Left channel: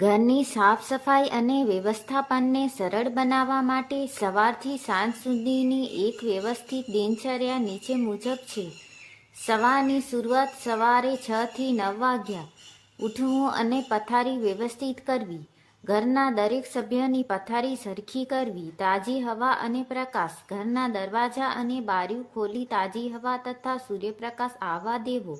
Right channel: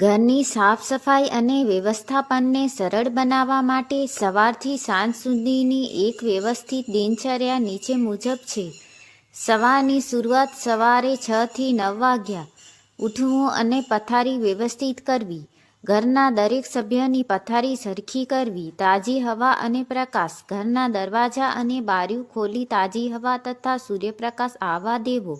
ઘરની સાફ સફાઈ અને વ્યવસ્થાપનને સરળ બનાવવા માટે સવારથી સાંજ સુધીની એક વ્યવસ્થિત દિનચર્યા નીચે મુજબ છે. સવારની શરૂઆત સવારે 6 થી 9 વાગ્યા ઉઠવું અને પથારી વ્યવસ્થિત કરવી. ઘરના દરેક સભ્યની પથારી સરખી કરવી. તાજી હવા અને પ્રકાશ. ઘરના દરવાજા અને બારીઓ ખોલી તાજી હવા તથા સૂર્યપ્રકાશ આવવા દેવો.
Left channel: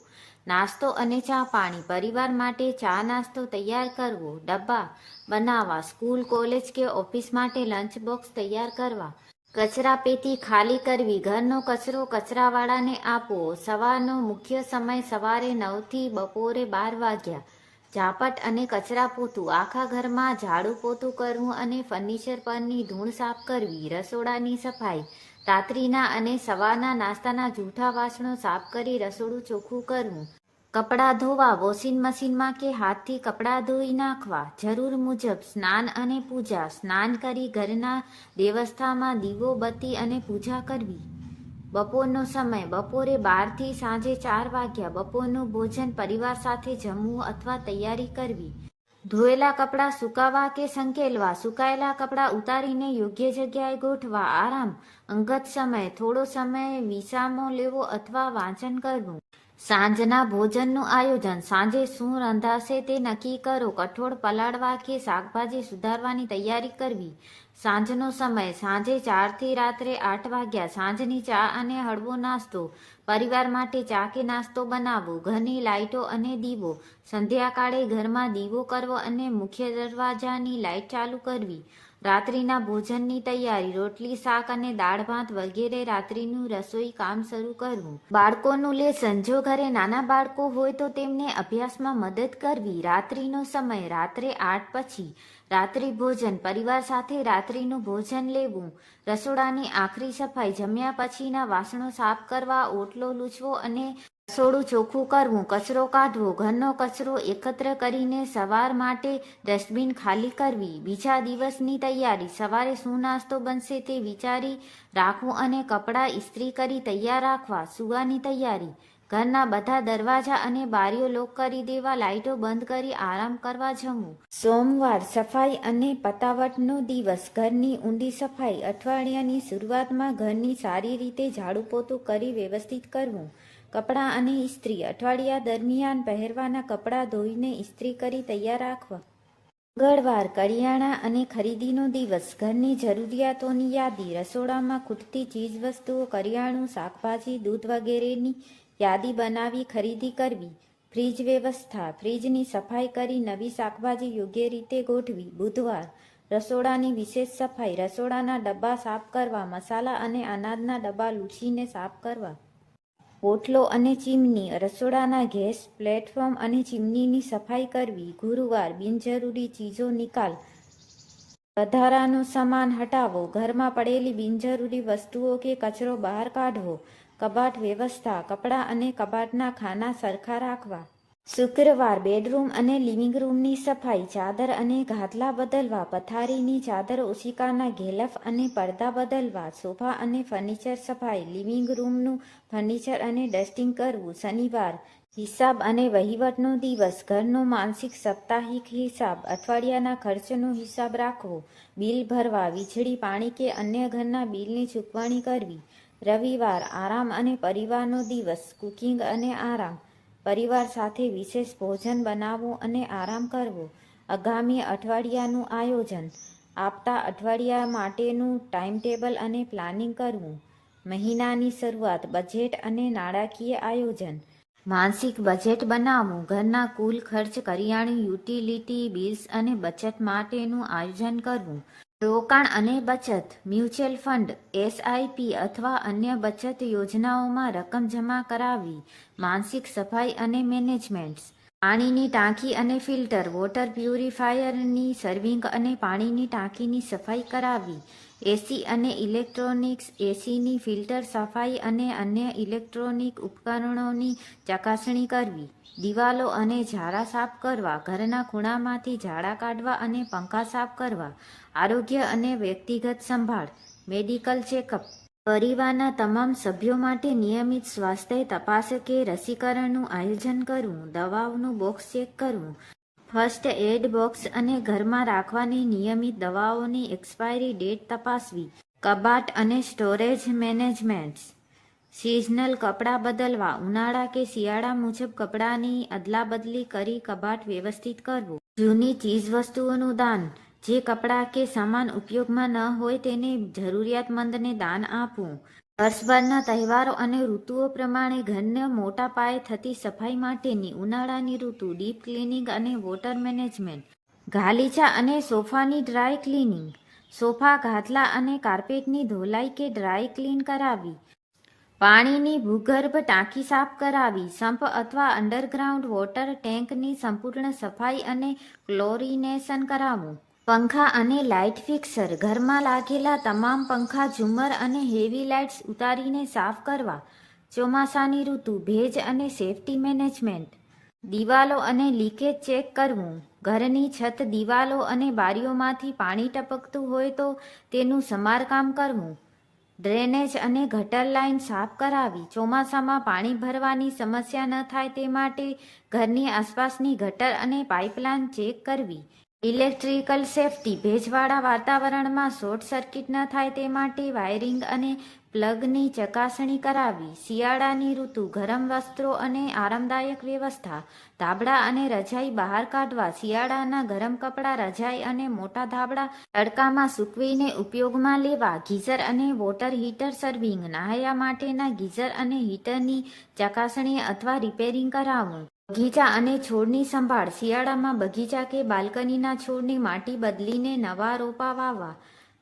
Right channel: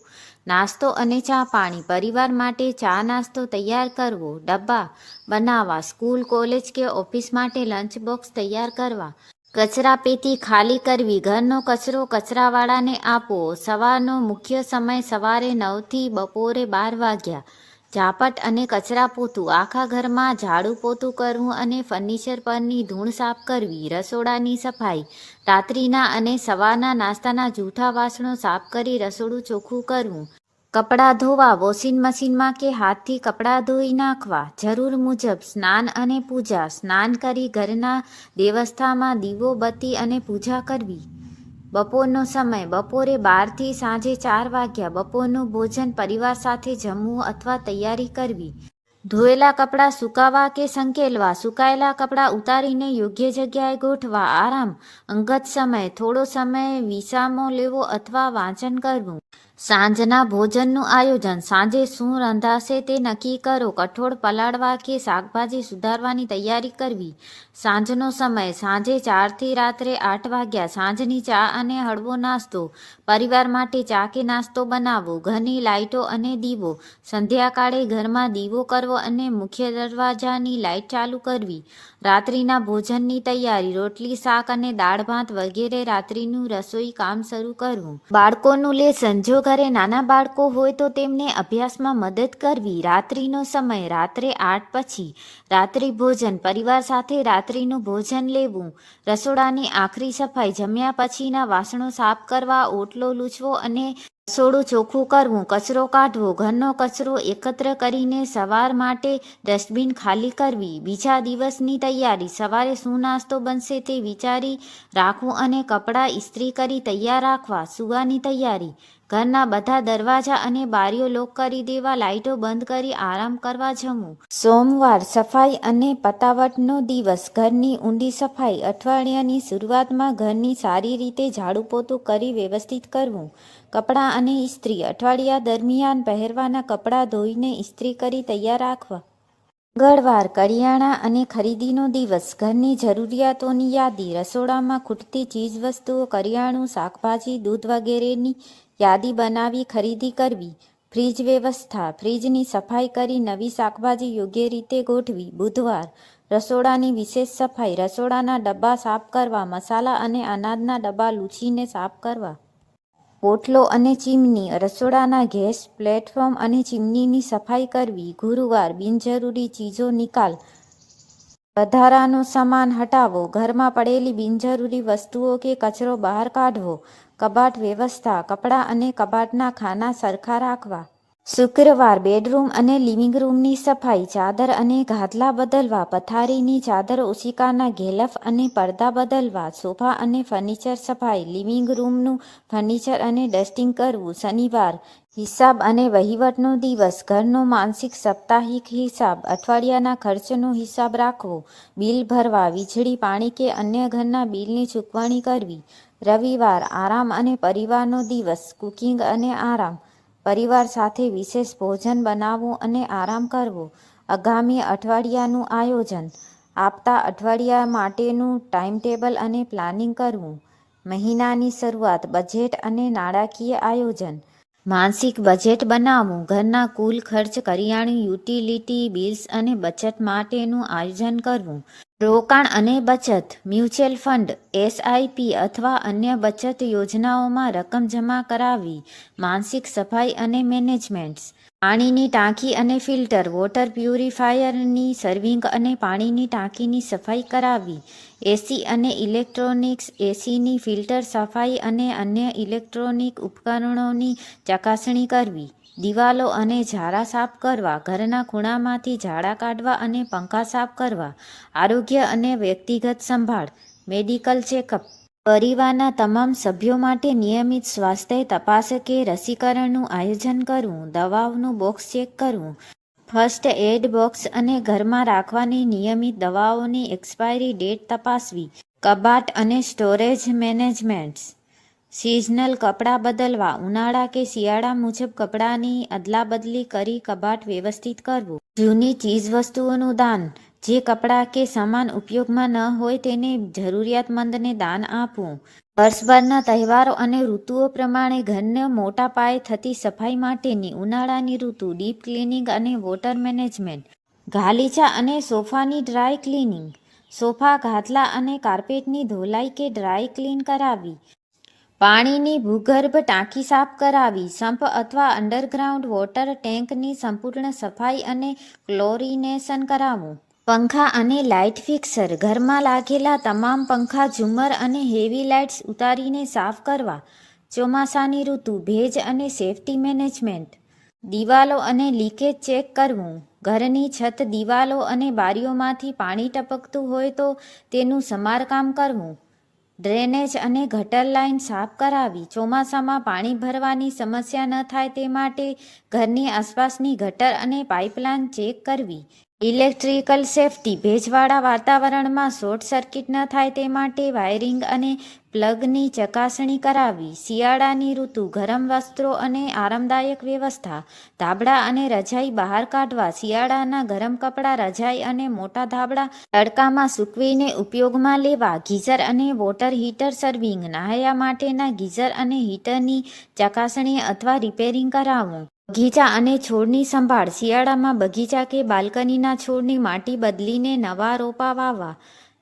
નાસ્તો અને ચા પાણી. પરિવાર માટે ચા નાસ્તો તૈયાર કરવો. ડબ્બા બનાવવા. સ્કૂલ, કોલેજ કે ઓફિસ માટે લંચ બોક્સ તૈયાર કરવા. કચરાપેટી ખાલી કરવી. ઘરનો કચરો કચરાવાળાને આપવો. સવારનો મુખ્ય સમય સવારે 9 થી બપોરે 12 વાગ્યા. ઝાપટ અને કચરા પોતું. આખા ઘરમાં ઝાડુ પોતું કરવું અને ફર્નિચર પરની ધૂળ સાફ કરવી. રસોડાની સફાઈ. રાત્રિના અને સવારના નાસ્તાના જૂઠા વાસણો સાફ કરી રસોડું ચોખ્ખું કરવું. કપડાં ધોવા. વોશિંગ મશીનમાં કે હાથથી કપડાં ધોઈ નાખવા. જરૂર મુજબ સ્નાન અને પૂજા. સ્નાન કરી ઘરના દેવસ્થાનમાં દીવો બત્તી અને પૂજા કરવી. બપોરનો સમય બપોરે 12 થી સાંજે 4 વાગ્યા. બપોરનું ભોજન પરિવાર સાથે જમવું અથવા તૈયારી કરવી. ધોયેલા કપડાં સુકાવવા કે સંકેલવા. સુકાયેલા કપડાં ઉતારીને યોગ્ય જગ્યાએ ગોઠવા. આરામ. અંગત સમય. થોડો સમય વિસામો લેવો અથવા વાંચન કરવું. સાંજના ભોજનનું આયોજન. સાંજે શું રંધાશે તે નક્કી કરો. કઠોળ પલાળવા કે શાકભાજી સુધારવાની તૈયારી કરવી. સાંજનો સમય સાંજે 4 થી રાત્રે 8 વાગ્યા. સાંજની ચા અને હળવો નાસ્તો. પરિવાર માટે ચા કે નાસ્તો બનાવવો. ઘરની લાઇટો અને દીવો. સંધ્યાકાળે ઘરમાં દીવો કરવો અને મુખ્ય દરવાજાની લાઇટ ચાલુ કરવી. રાત્રિના ભોજનની તૈયારી. રોટલી, શાક અને દાળ ભાત વગેરે. રાત્રિનું રસોઈ કામ શરૂ કરવું. બાળકોનું લેસન. જો ઘરે નાના બાળકો હોય તો તેમને અભ્યાસમાં મદદ કરવી. રાત્રિનો સમય રાત્રે 8 પછી. રાત્રિ ભોજન. પરિવાર સાથે રાત્રિનું ભોજન લેવું. રસોડાની આખરી સફાઈ. જમ્યા પછીના વાસણો સાફ કરવા. ઓટલો લૂછવો અને રસોડું ચોખ્ખું કરવું. કચરો કાઢવો. ઘરનો કચરો એકત્ર કરીને સવાર માટે ડસ્ટબિન ખાલી કરવી. બીજા દિવસની તૈયારી. સવારે શું નાસ્તો બનશે તે વિચારી રાખવું અને કપડાં ઇસ્ત્રી કરી તૈયાર રાખવા. સૂવાની તૈયારી. ઘરના બધા દરવાજા અને બારીઓ લોક કરી દેવા. લાઇટો બંધ કરી આરામ કરવા જવું. સોમવાર સફાઈ અને પતાવટનો દિવસ. ઘરની ઊંડી સફાઈ. અઠવાડિયાની શરૂઆતમાં ઘરની સારી રીતે ઝાડુ પોતું કરી વ્યવસ્થિત કરવું. કપડાં અને ઇસ્ત્રી. અઠવાડિયા દરમિયાન પહેરવાના કપડાં ધોઈને ઇસ્ત્રી કરી તૈયાર રાખવા. મંગળવાર કરિયાણા અને ખરીદીનો દિવસ. ઘરની જરૂરિયાતોની યાદી. રસોડામાં ખૂટતી ચીજવસ્તુઓ, કરિયાણું, શાકભાજી, દૂધ વગેરેની યાદી બનાવી ખરીદી કરવી. ફ્રીજ વ્યવસ્થા. ફ્રીજની સફાઈ કરી નવી શાકભાજી યોગ્ય રીતે ગોઠવી. બુધવાર રસોડાની વિશેષ સફાઈ. રસોડાના ડબ્બા સાફ કરવા. મસાલા અને અનાજના ડબ્બા લૂછીને સાફ કરવા. ઓટલો અને ચીમની. રસોડાના ગેસ પ્લેટફોર્મ અને ચીમનીની સફાઈ કરવી. ગુરુવાર બિનજરૂરી ચીજો નિકાલ. વધારાનો સામાન હટાવો. ઘરમાં પડેલી બિનજરૂરી વસ્તુઓ કે કચરો બહાર કાઢવો. કબાટ વ્યવસ્થા. કપડાં અને કબાટના ખાના સરખા રાખવા. શુક્રવાર બેડરૂમ અને લિવિંગ રૂમની સફાઈ. ચાદર અને ગાદલા બદલવા. પથારીની ચાદર, ઓશિકાના ઘેલફ અને પડદા બદલવા. સોફા અને ફર્નિચર સફાઈ. લિવિંગ રૂમનું ફર્નિચર અને ડસ્ટિંગ કરવું. શનિવાર હિસાબ અને વહીવટનો દિવસ. ઘરનો માસિક સાપ્તાહિક હિસાબ. અઠવાડિયાના ખર્ચનો હિસાબ રાખવો. બિલ ભરવા. વીજળી, પાણી કે અન્ય ઘરના બિલની ચૂકવણી કરવી. રવિવાર આરામ અને પરિવારનો દિવસ. કુકિંગ અને આરામ. પરિવાર સાથે વિશેષ ભોજન બનાવવું અને આરામ કરવો. આગામી અઠવાડિયાનું આયોજન. આવતા અઠવાડિયા માટેનું ટાઈમટેબલ અને પ્લાનિંગ કરવું. મહિનાની શરૂઆત. બજેટ અને નાણાકીય આયોજન. માસિક બજેટ બનાવવું. ઘરના કુલ ખર્ચ, કરિયાણું, યુટિલિટી બિલ્સ અને બચત માટેનું આયોજન કરવું. રોકાણ અને બચત. મ્યુચ્યુઅલ ફંડ, એસઆઈપી અથવા અન્ય બચત યોજનાઓમાં રકમ જમા કરાવવી. માનસિક સફાઈ અને મેનેજમેન્ટ. પાણીની ટાંકી અને ફિલ્ટર. વોટર પ્યુરિફાયરની સર્વિંગ અને પાણીની ટાંકીની સફાઈ કરાવવી. એસી અને ઇલેક્ટ્રોનિક્સ. એસીની ફિલ્ટર સફાઈ અને અન્ય ઇલેક્ટ્રોનિક ઉપકરણોની ચકાસણી કરવી. દિવાલો અને ઝારા સાફ કરવા. ઘરના ખૂણામાંથી ઝાડા કાઢવા અને પંખા સાફ કરવા. આરોગ્ય અને વ્યક્તિગત સંભાળ. Medical checkup. પરિવારના તમામ સભ્યો માટે નિયમિત સ્વાસ્થ્ય તપાસ કે રસીકરણનું આયોજન કરવું. દવાઓનું બોક્સ ચેક કરવું. ફર્સ્ટ એડ બોક્સ અને ઘરમાં રાખવાની નિયમિત દવાઓની એક્સપાયરી ડેટ તપાસવી. કબાટ અને સ્ટોરેજ મેનેજમેન્ટ. સિઝનલ કપડાં બદલવા. ઉનાળા કે શિયાળા મુજબ કપડાંની અદલાબદલી કરી કબાટ વ્યવસ્થિત કરવું. જૂની ચીજવસ્તુઓનું દાન. જે કપડાં કે સામાન ઉપયોગમાં ન હોય તેને જરૂરિયાતમંદને દાન આપવું. વર્ષભરના તહેવારો અને ઋતુઓ પ્રમાણે ઘરને મોટા પાયે થતી સફાઈ માટેની ઉનાળાની ઋતુ ડીપ ક્લિનિંગ અને વોટર મેનેજમેન્ટ. ગાલીચા અને સોફાની ડ્રાય ક્લિનિંગ. સોફા, ગાદલા અને કાર્પેટની ધોલાઈ કે ડ્રાય ક્લીન કરાવવી. પાણીની ભૂગર્ભ ટાંકી સાફ કરાવી. સંપ અથવા અંડરગ્રાઉન્ડ વોટર ટેન્કની સંપૂર્ણ સફાઈ અને ક્લોરિનેશન કરાવવું. પંખા અને લાઇટ ફિક્સર. ઘરમાં લાગેલા તમામ પંખા, ઝુમ્મર અને હેવી લાઇટ્સ ઉતારીને સાફ કરવા. ચોમાસાની ઋતુ ભેજ અને સેફ્ટી મેનેજમેન્ટ. દિવાલો અને લીકેજ ચેક કરવું. ઘરની છત, દિવાલો અને બારીઓમાંથી પાણી ટપકતું હોય તો તેનું સમારકામ કરવું. ડ્રેનેજ અને ગટર લાઇન સાફ કરાવી. ચોમાસામાં પાણી ભરવાની સમસ્યા ન થાય તે માટે ઘરની આસપાસની ગટર અને પાઇપલાઇન ચેક કરવી. Electrical safety. ભેજવાળા વાતાવરણમાં શોર્ટ સર્કિટ ન થાય તે માટે વાયરિંગ અને પ્લગની ચકાસણી કરાવવી. શિયાળાની ઋતુ ગરમ વસ્ત્રો અને આરામદાયક વ્યવસ્થા. ધાબળા અને રજાઈ બહાર કાઢવા. શિયાળાના ગરમ કપડાં, રજાઈ અને મોટા ધાબળા તડકામાં સૂકવીને ઉપયોગમાં લેવા. ગીઝર અને વોટર હીટર સર્વિંગ. નહાયા માટેના ગીઝર અને હીટરની ચકાસણી અથવા રિપેરિંગ કરાવવું. બગીચા અને છોડની સંભાળ. શિયાળામાં બગીચા કે બાલ્કનીના છોડની માટી બદલીને નવા રોપા વાવવા.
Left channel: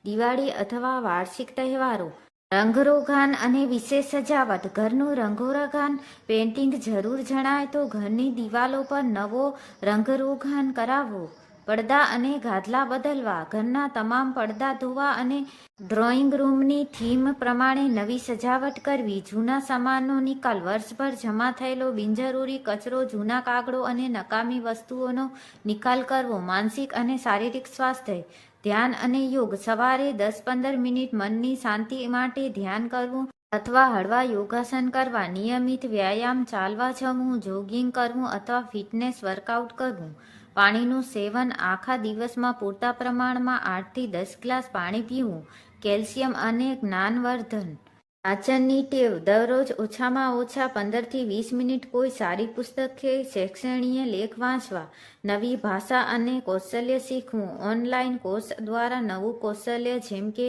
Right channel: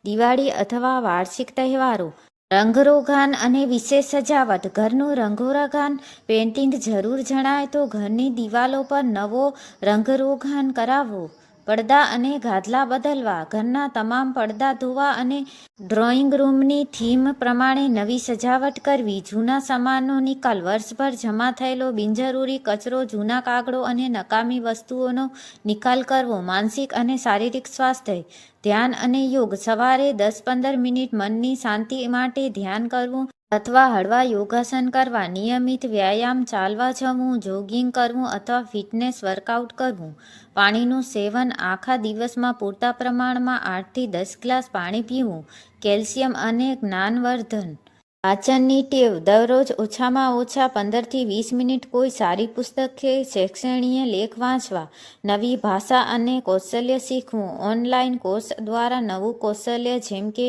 દિવાળી અથવા વાર્ષિક તહેવારો. રંગરોગાન અને વિશેષ સજાવટ. ઘરનું રંગરોગાન. પેઇન્ટિંગ જરૂર જણાય તો ઘરની દિવાલો પર નવો રંગરોગાન કરાવવો. પડદા અને ગાદલા બદલવા. ઘરના તમામ પડદા ધોવા અને ડ્રોઈંગ રૂમની થીમ પ્રમાણે નવી સજાવટ કરવી. જૂના સામાનનો નિકાલ. વર્ષભર જમા થયેલો બિનજરૂરી કચરો, જૂના કાગળો અને નકામી વસ્તુઓનો નિકાલ કરવો. માનસિક અને શારીરિક સ્વાસ્થ્ય. ધ્યાન અને યોગ. સવારે 10-15 મિનિટ મનની શાંતિ માટે ધ્યાન કરવું અથવા હળવા યોગાસન કરવા. નિયમિત વ્યાયામ, ચાલવા જવું, જોગિંગ કરવું અથવા ફિટનેસ વર્કઆઉટ કરવું. પાણીનું સેવન. આખા દિવસમાં પૂરતા પ્રમાણમાં 8થી 10 ગ્લાસ પાણી પીવું. કેલ્શિયમ અને જ્ઞાનવર્ધન. વાંચનની ટેવ. દરરોજ ઓછામાં ઓછા 15થી 20 મિનિટ કોઈ સારી પુસ્તક કે શૈક્ષણિક લેખ વાંચવા. નવી ભાષા અને કૌશલ્ય શીખવું. ઓનલાઈન કોર્સ દ્વારા નવું કૌશલ્ય જેમ કે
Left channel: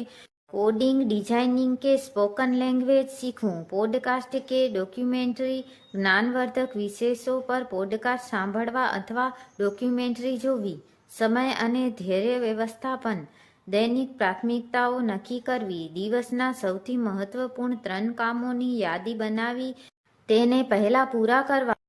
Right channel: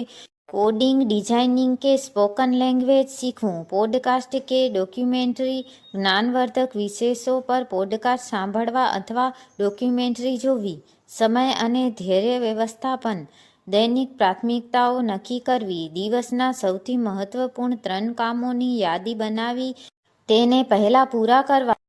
કોડિંગ, ડિઝાઇનિંગ કે સ્પોકન લેંગ્વેજ શીખવું. પોડકાસ્ટ કે ડોક્યુમેન્ટરી. જ્ઞાનવર્ધક વિષયો પર પોડકાસ્ટ સાંભળવા અથવા ડોક્યુમેન્ટરી જોવી. સમય અને ધૈર્ય વ્યવસ્થાપન. દૈનિક પ્રાથમિકતાઓ નક્કી કરવી. દિવસના સૌથી મહત્વપૂર્ણ 3 કામોની યાદી બનાવી તેને પહેલા પૂરા કરવા.